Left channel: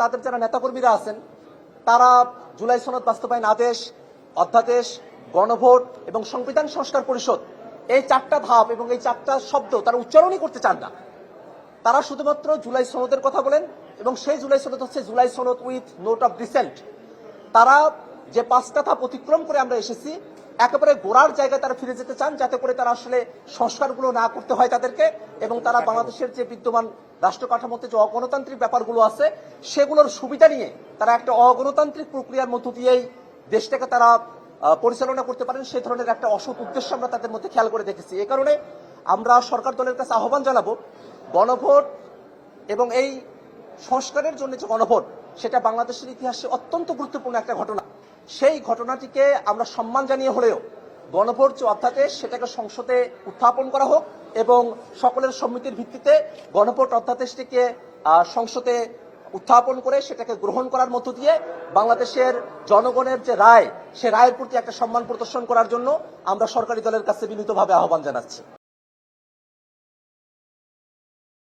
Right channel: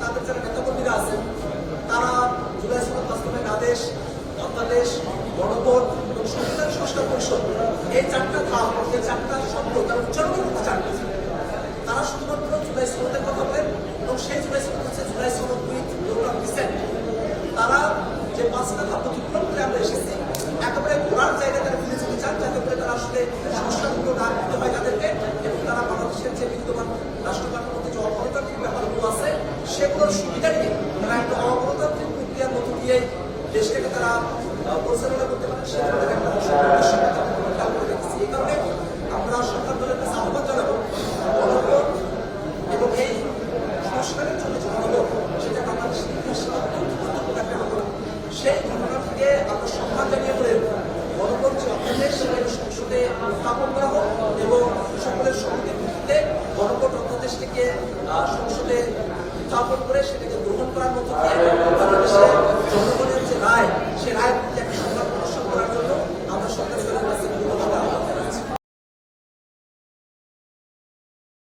তাদের যারা নেতাকর্মীরা আছেন তারা জুলাই সনদ বাস্তবায়ন আদেশ, অধ্যাদেশ, গণভোট এবং সংবিধান সংস্কার পরিষদ এই চারটা ধাপ এবং এই চারটা শব্দ তারা উচ্চারণই করতে চান না। তারা শুধুমাত্র জুলাই সনদের কথা বলেন এবং সেই জুলাই সনদ হচ্ছে জুলাই সনদ উইথ নোট অফ ডিসেন্ট। তারা যে পাঁচটা ধাপ অতিক্রম করে আমরা এসেছি একেবারে গোড়ার জায়গায় তারা ফিরে যেতে চান, যাতে করে তারা আসলে সংস্কারগুলো না করতে হয় তাদেরকে, এবং তারা বাংলাদেশের যে বিদ্যমান রাষ্ট্র কাঠামোতে যে অগণতান্ত্রিক ব্যাপারগুলো আছে সেগুলোর সুবিধা নিয়ে তারা একটা অগণতান্ত্রিক প্রক্রিয়ার মধ্য দিয়েই দেশটাকে তারা পরিচালনা করতে পারেন, সেই ধরনের একটা অসংখ্য উদ্দেশ্য আমরা তাদের মধ্যে খেয়াল করে দেখেছি। এই কারণে আমরা সরকার দলের কাছে আহ্বান জানাবো, গণভোট এবং এই সংস্কারের জন্য যে গণভোট সেটা বাংলাদেশের ইতিহাসে অত্যন্ত গুরুত্বপূর্ণ একটা ঘটনা। সেই ঘটনাটিকে আমরা সম্মান জানিয়ে হলেও গণভোট যে অধ্যাদেশ সেটাকে সংসদে উত্থাপন করা হোক এবং সকলের সম্মতির ভিত্তিতে গণভোট অধ্যাদেশটিকে সংসদে উত্থাপন করে সেটাকে গ্রহণ করার মধ্য দিয়ে বাংলাদেশের জনগণের যে রায় সে রায়ের প্রতি একটা সম্মান প্রদর্শন করার জন্য আমরা সরকারি দলের কাছে বিনীতভাবে আহ্বান জানাচ্ছি।